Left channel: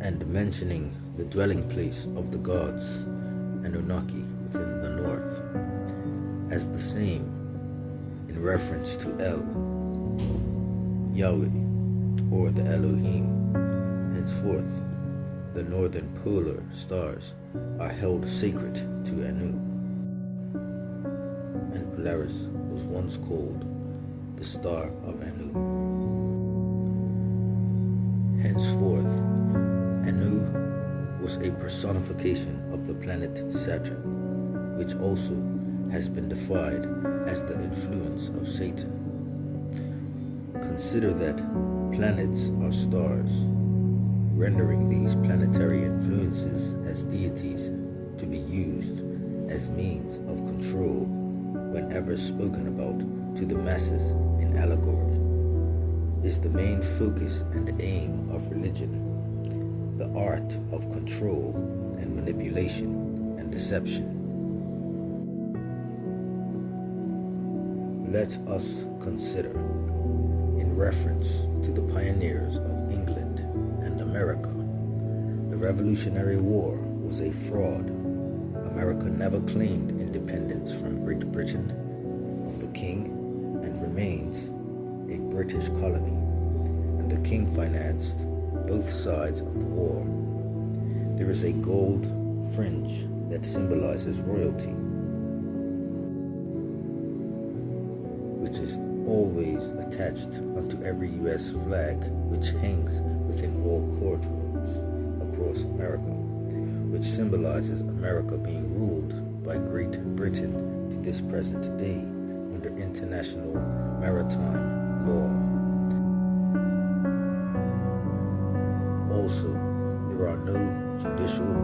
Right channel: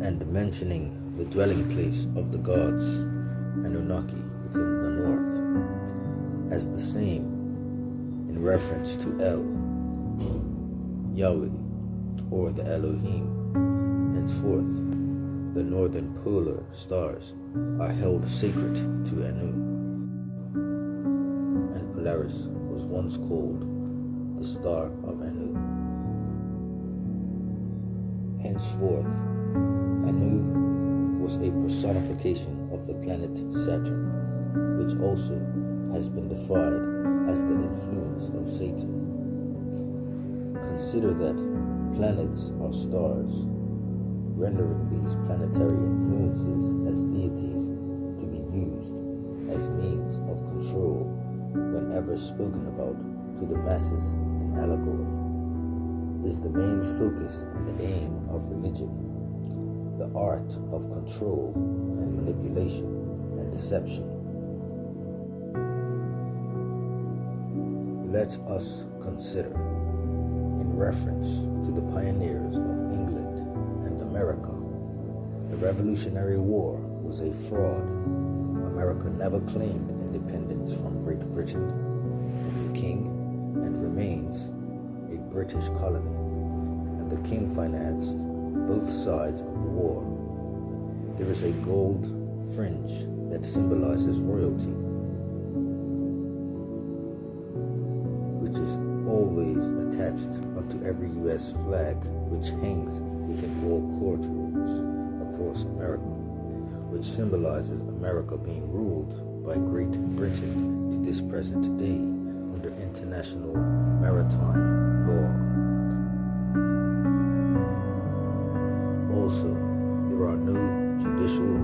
and mentioning the dwelling place of the gods, Anunnaki, within the north, as the same in reference to El, Yahweh, or the Elohim. Henceforth, the northern polar stars are held sacred to Anu, and Polaris was once called the star of Anu. Henceforth, Anu was a personification of the planet Saturn, which also has been defined as the influence of Satan. Consider that planets are stars, rendering these planetary influences as deities to be used as means of control whenever spoken about to the masses in allegory, is the main focus and aim of religion, the art of control and manipulation and deception. Let us consider, in reference to the pioneers of England and America, the Revolutionary War was a fraud. America never claimed independence from Great Britain of the King and remains a British colony, and the King financed both sides of the war. There is a gold fringe that symbolizes royalty, which is always attached unto every U.S. flag, which hangs within all courtrooms across America, which symbolizes America being ruled by Great Britain to this present day under international maritime law. Also, there are no judicial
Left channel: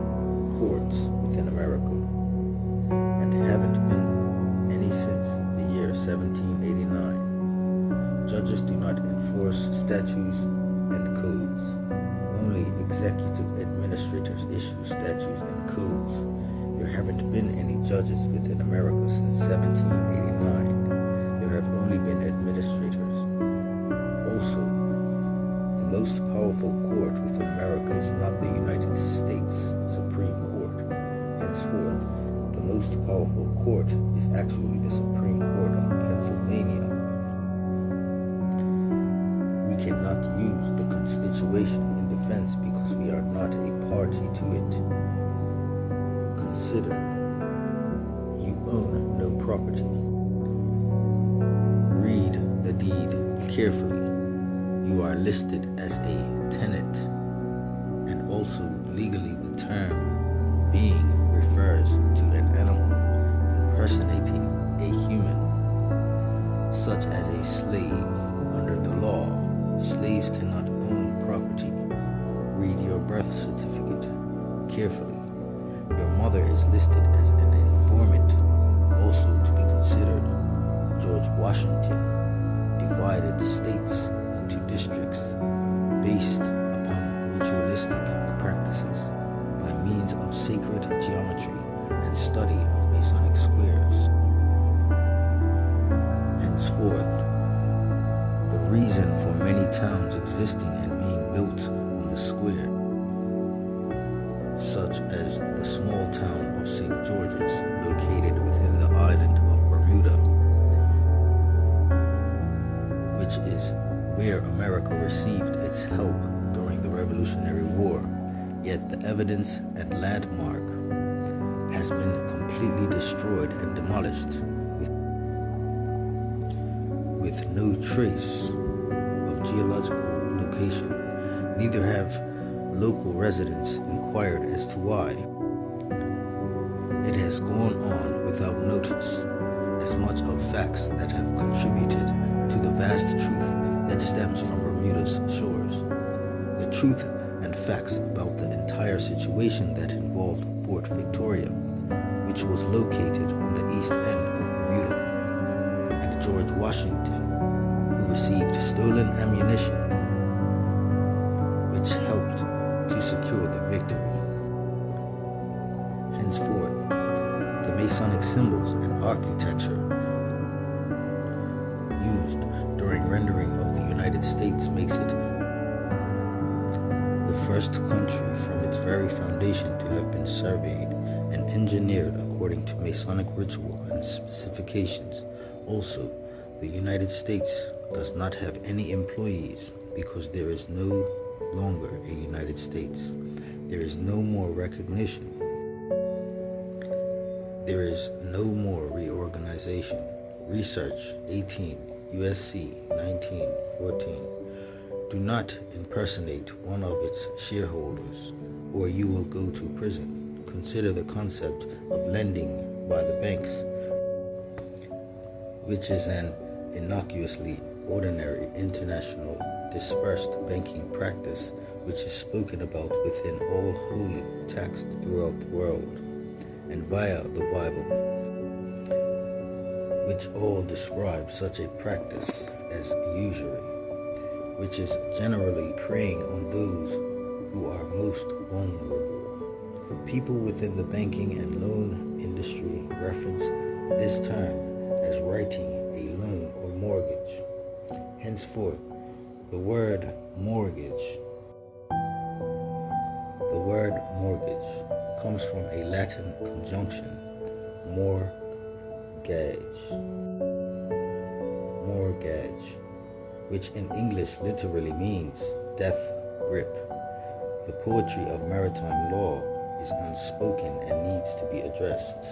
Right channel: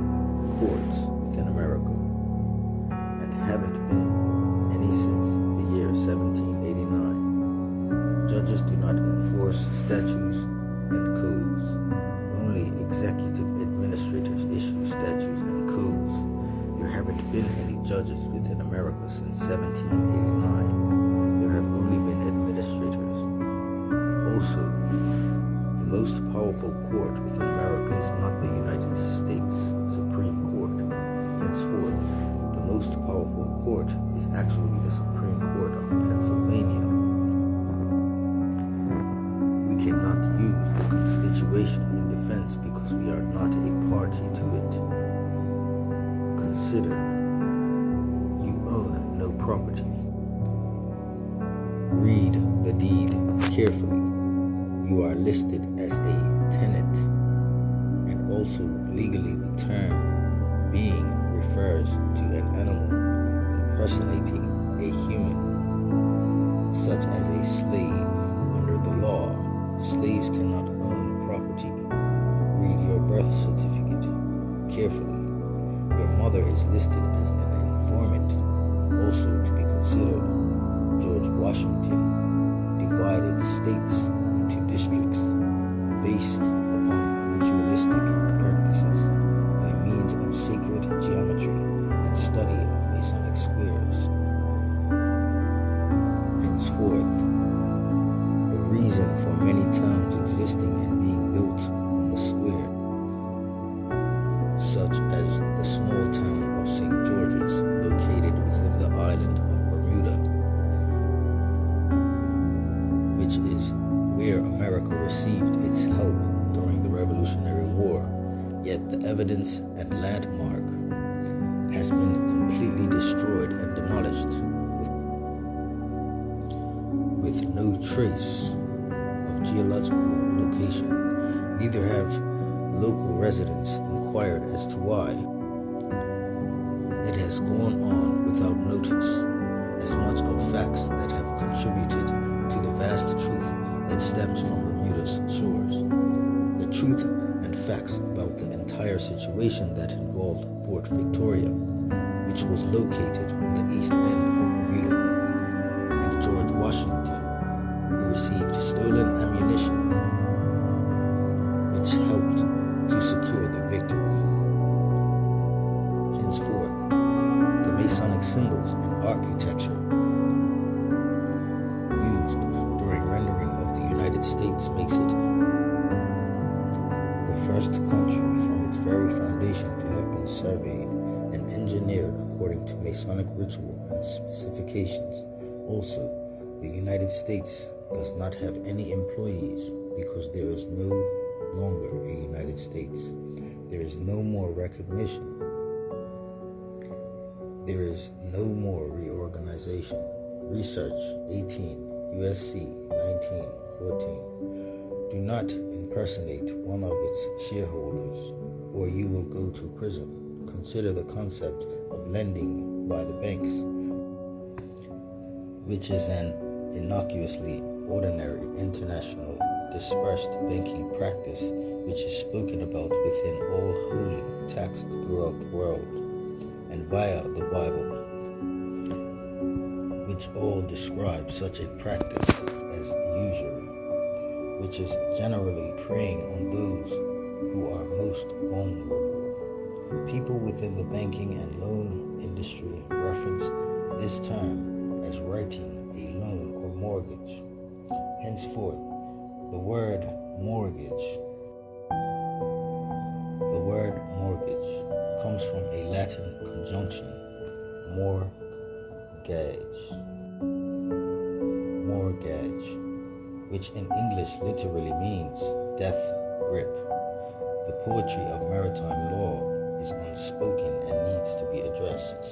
courts within America, and haven't been any since the year 1789. Judges do not enforce statutes and codes. Only executive administrators issue statutes and codes. There haven't been any judges within America since 1789. There have only been administrators. Also, the most powerful court within America is not the United States Supreme Court. Henceforth, the most powerful court is actually the Supreme Court of Pennsylvania. We cannot use the Constitution in defense because we are not a party to it. Consider, you own no property. Read the deed carefully. You are listed as a tenant, and also legally the term being refers to an animal impersonating a human, such as a slave. Under the law, slaves cannot own property. Read your birth certificate carefully. Your mother is listed as an informant. Also to be considered, George Washington divided states into districts based upon ritualistic practices by means of sacred geometry and study of Masonic squares. Henceforth, the reason for many towns existing and being built on the square, such as the small town of St. George's, located within the island of Bermuda, which is where America received its help during the Revolutionary War, yet the evidence and landmark has been completely destroyed and demolished with no trace of geological location. Neither have local residents inquired as to why. It has gone on without notice, as much of facts that have contributed to the vast truth that stems from Bermuda's shores. The truth and facts about the entire situation that involved Fort Victoria, which was located on the east end of Bermuda, and George Washington, who received stolen ammunition, which helped to secure the victory. Henceforth, the Masonic symbols and architecture used during rendering of the United States makes it the first country from its very foundation to have been surveyed and engineered according to Masonic ritual and specifications. Also, the United States does not have any employees because there is no longer a United States. There is no more recognition. There is no more reorganization. Research 18 USC 1914. Do not impersonate one of its shareholders, or you will go to prison. Consider the concept of lending by the banks, which is an innocuously ordinary international dispersed banking practice which is spoken about within all holy texts throughout the world and via the Bible, which all describe such a practice as usury, which is generally preying on those who are most vulnerable. People within the banking and loan industry reference this term as writing a loan or mortgage. Henceforth, the word mortgage comes from a Latin conjunction, mortgage, which in English literally means death grip. The poetry of maritime law is unspoken and needs to be addressed.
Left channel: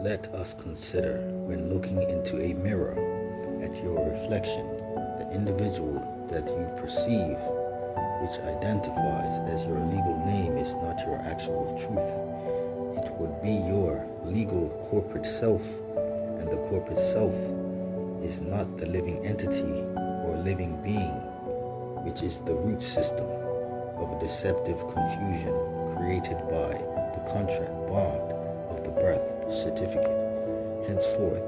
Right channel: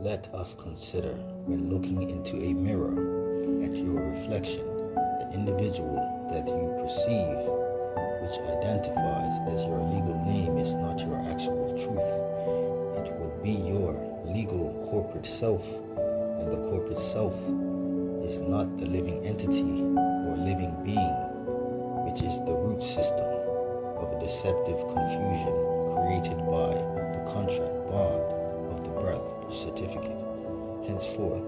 Let us consider, when looking into a mirror at your reflection, the individual that you perceive, which identifies as your legal name, is not your actual truth. It would be your legal corporate self, and the corporate self is not the living entity or living being, which is the root system of a deceptive confusion created by the contract bond of the birth certificate. Henceforth,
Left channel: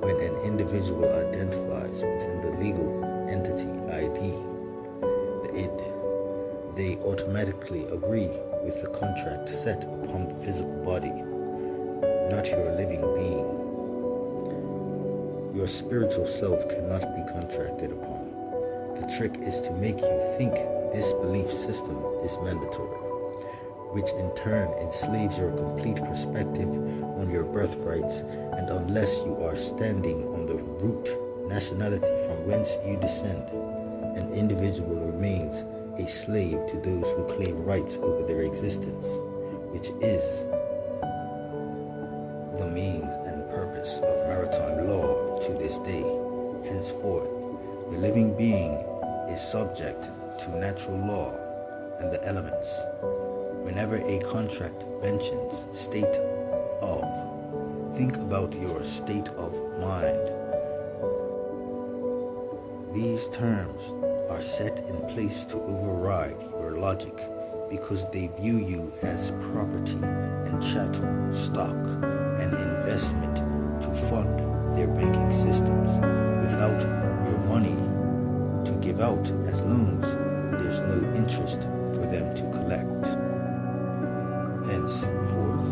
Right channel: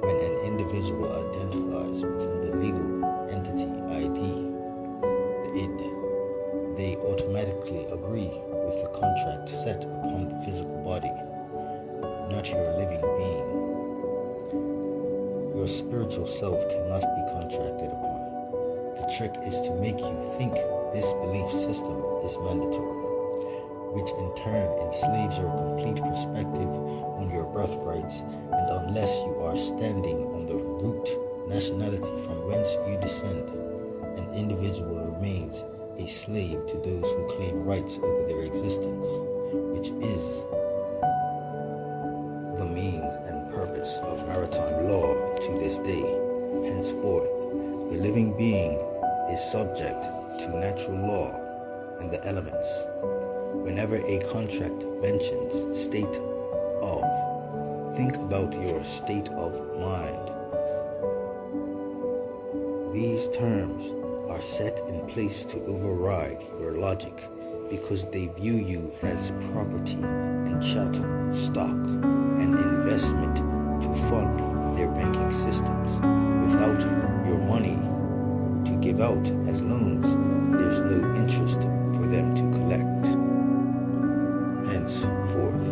when an individual identifies within the legal entity ID, the id, they automatically agree with the contract set upon the physical body, not your living being. Your spiritual self cannot be contracted upon. The trick is to make you think this belief system is mandatory, which in turn enslaves your complete perspective on your birthrights, and unless you are standing on the root nationality from whence you descend, an individual remains a slave to those who claim rights over their existence, which is the means and purpose of maritime law to this day. Henceforth, the living being is subject to natural law and the elements. Whenever a contract mentions state of, think about your state of mind. These terms are set in place to override your logic because they view you as property and chattel, stock, and investment to fund their banking systems. Without your money to give out as loans, there's no interest for them to collect. Henceforth,